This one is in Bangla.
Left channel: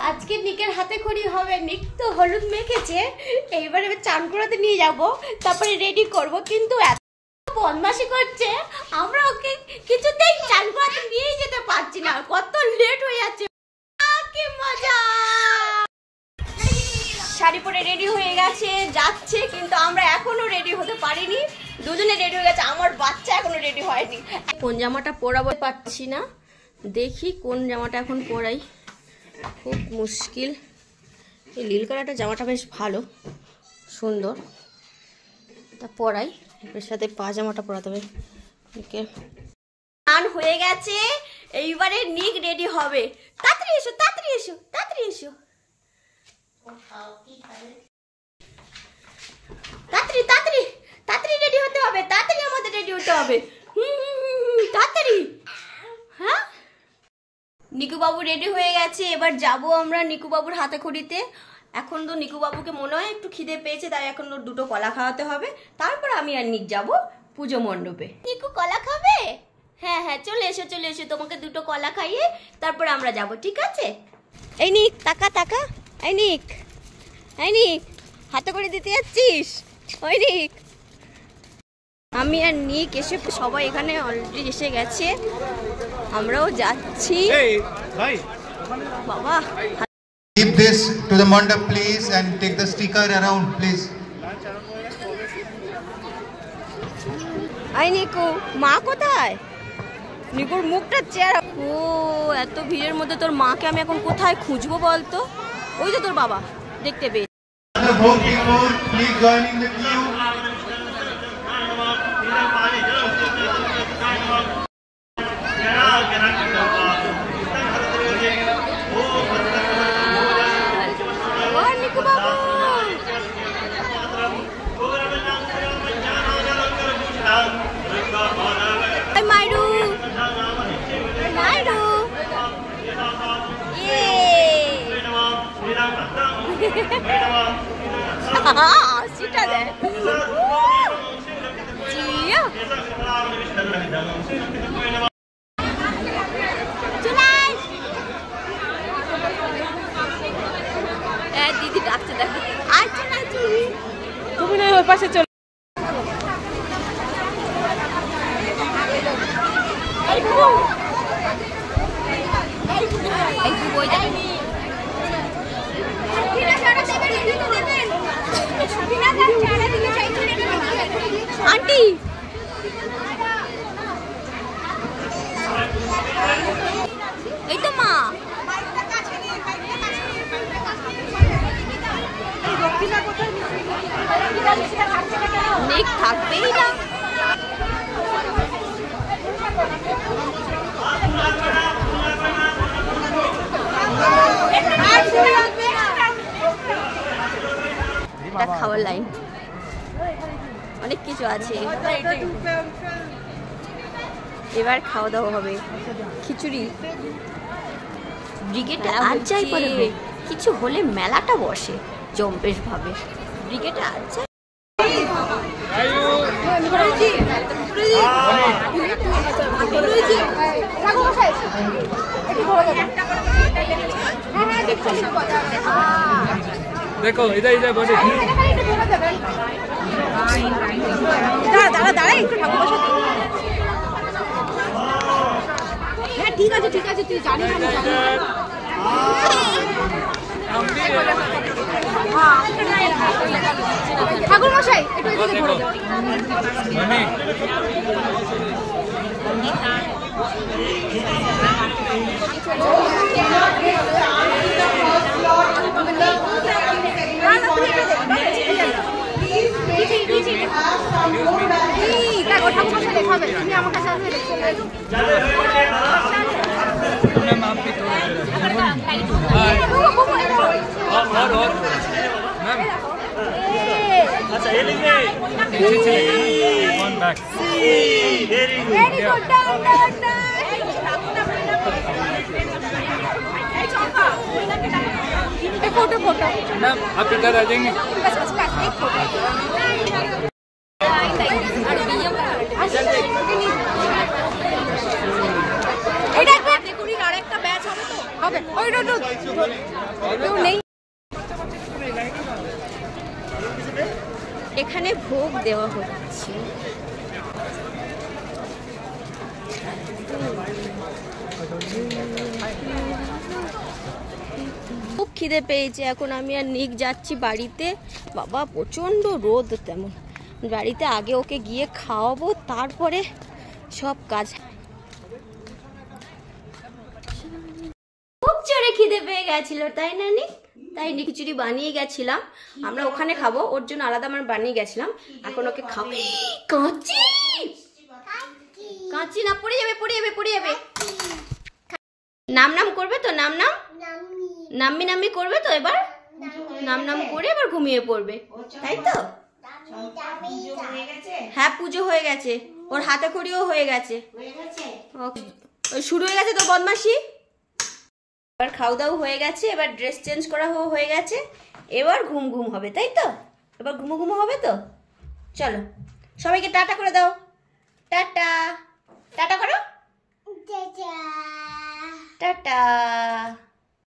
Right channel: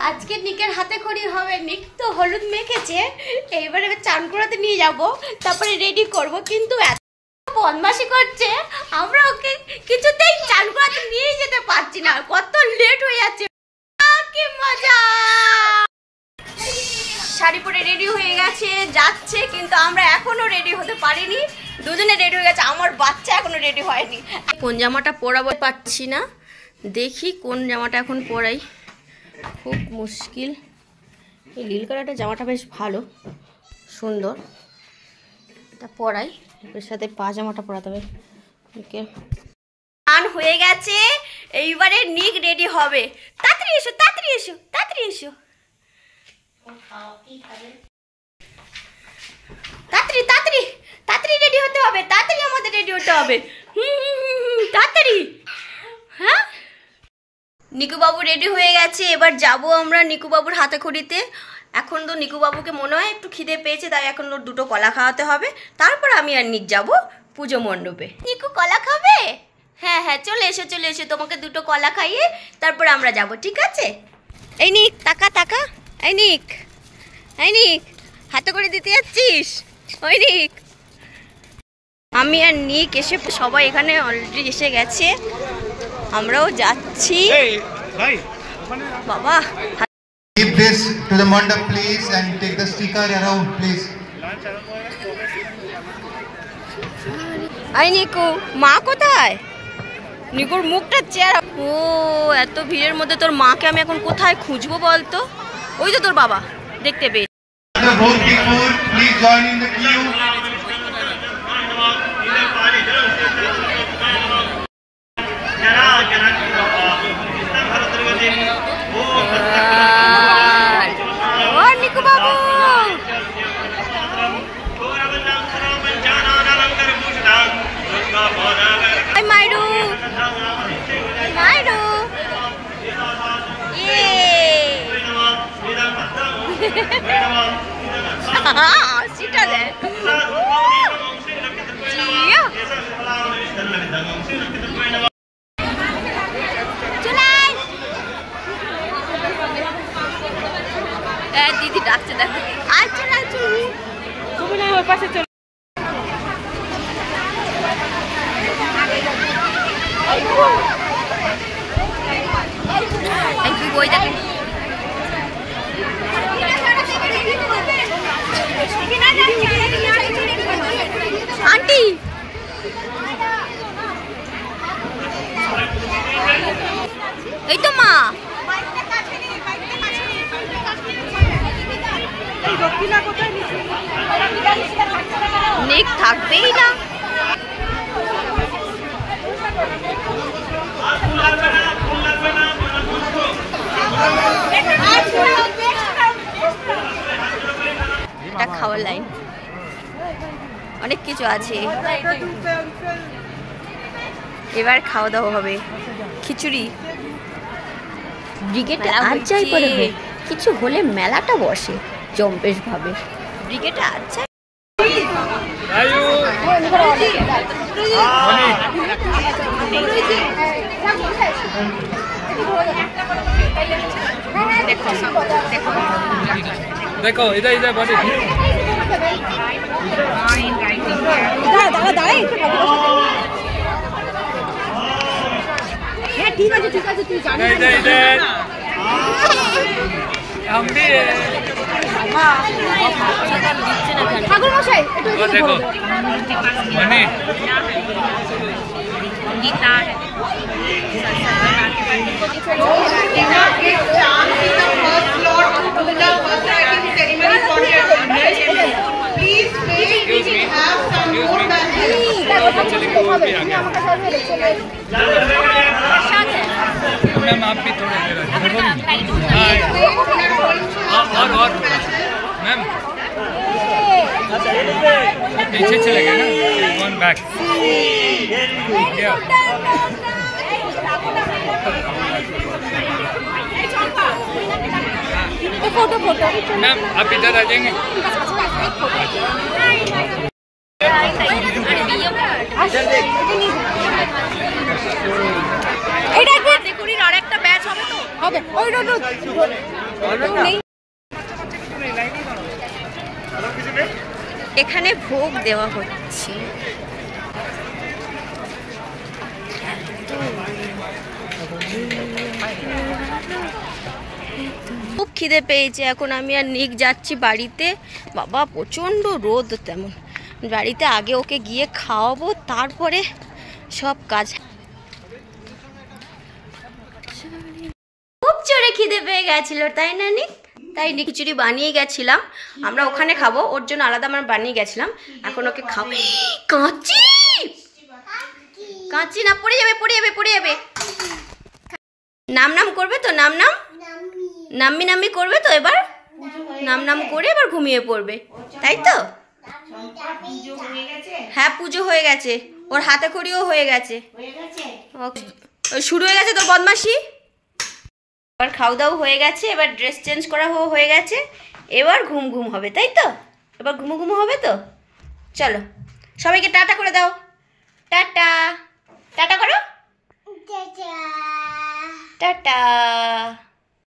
আজকে নিকের হাতে খড়ি হবে। নিক তো হলুদ মেখেছে, এইবারে চান করাতে নিয়ে যাব, তারপরে রেডি করব। কিন্তু এত বদমাশি করছে, আমরা ওকে কিছুতেই চান করাতে নিয়ে যেতে পারছি না, কত লেট হয়ে যাচ্ছে। কি মজা! শাড়ি পরে রেডি হয়ে গেছে, যাচ্ছে, কিন্তু আমরা এখনো রেডি হতে পারিনি। দুজনে রেডি হয়ে গেছে, আমার বাচ্চা এখনো রেডি হয়নি। কোন জামাটা পরাবো পাচ্ছি না, দেখি কোন জামাটা এখন পরাই, খুব মুশকিল। এই নীল কালারটা জামাটা বেশ ভালো, সুন্দর, তা পরাই। এর সাথে পাজামাটা পরাতে হবে। স্নান হয়ে গেছে, এইবারে নিক রেডি হবে। তাড়াতাড়ি এসো, তাড়াতাড়ি এসো, তাড়াতাড়ি এসো, তাড়াতাড়ি তাড়াতাড়ি তাড়াতাড়ি রেডি হতে হবে, তাড়াতাড়ি আমাদের রেডি হতে হবে, তাড়াতাড়ি। হ্যাঁ, নিকু বাবু রেডি হয়ে গেছে, এবার যাব আমরা নিকু বাবুর হাতে খড়িতে। এখন তো নিকু বাবুকে মনে হয় একটু খিদে পেয়েছে, তাই এখন ওর দুটো কলা খাওয়াতে হবে, তারপর আমি আর নিক যাব পুজো মণ্ডপে। নিকু কলা খাবে? হ্যাঁ হ্যাঁ, চলে এসো চলে এসো, তোমাকে দুটো কলা খাইয়ে তারপর আমরা যাব, ঠিক আছে? এই নিক, তাকা তাকা, এই নিক, এই নিক, হাতে করে দিতে যাচ্ছিস? ওই নিক, আমি আর নিক এসে সবাই এখানে অলরেডি এসে গেছে, আমরাও যাচ্ছি। বাবা, keep this to the mandap please and take the sticker around please. I Nico, মা কোথায়? নিকুর মুখটা চেহারা, ও এত ভিড়ের মধ্যে তোর মাকে আমি এখন কোথায় খুঁজবো বলতো? ওই তো তোর বাবা, দেখতে পেয়ে। Please join in the queue. Nico বাবু, মাইরু মাইরু, সেটা দেয়। দিদি ডাকছে, দেখো। আচ্ছা তুমি না ওই পাশে চলো। বই দেখে আন্টি, এই তো মা। নিক থাকবেই না। এটা খাওয়ার লাইন, অনেক কিছু আছে। এবার খাওয়া দাওয়া হবে, খিচুড়ি। ব্রিগেডে আচ্ছাই করে কিছু হলে মেলাটা বসে জম্পেশ ভাবে। ব্রিগেডে আচ্ছা देखो इधर इधर बड़े ঠিক আছে ঠিক আছে, তুই জানিস हम भी ঠাকুর মশাই देखो मनी গীতার आप भी थोड़ा और मैम पीछे चलेगा ना, one back photo photo ma'am आप इधर आ जाएंगे। হবে ওই রোদ নেই। এখানে ভোগ দেওয়া হচ্ছে। খুব খিদে পেয়েছে এখন। আমি আর নিক যাচ্ছি বাড়িতে। বাবা প্রচণ্ড রোদ, তেমন বাড়িতে আগে ওকে গিয়ে খাওয়াবো, তারপরে সব কাজ। খুব জোরে খিদে পেয়ে গেছিল, তাই না নিক? তাই খিচুড়ি বানিয়ে গেছিলাম, আমরা ওখানে খাবো, ওর জন্য আলাদা আমরা বানিয়ে গেছিলাম। এখন ওকে খাবো। কাঁচি কাঁচি না, পড়ে যাবে পড়ে যাবে পড়ে যাবে। নাম নাম করবে তো, নাম নাম নাম্মি নাম্মি করবে তো, এবার নাম নাম করে এবার ঘুমিয়ে পড়বে, তাই তো? হ্যাঁ পুজো হয়ে গেছে, ওর হাতে খড়িও হয়ে গেছে, শুরু হয়ে গেছে তোর বদমাশি। এবার খাওয়া দাওয়া হয়ে গেছে, এবার ড্রেস চেঞ্জ করা হয়ে গেছে, এবার ঘুম ঘুম হবে, তাই তো? এবার ঘুমো ঘুমো হবে তো। চলো সবাইকে টাটা করে দাও, টাটা টাটা করো, টাটা।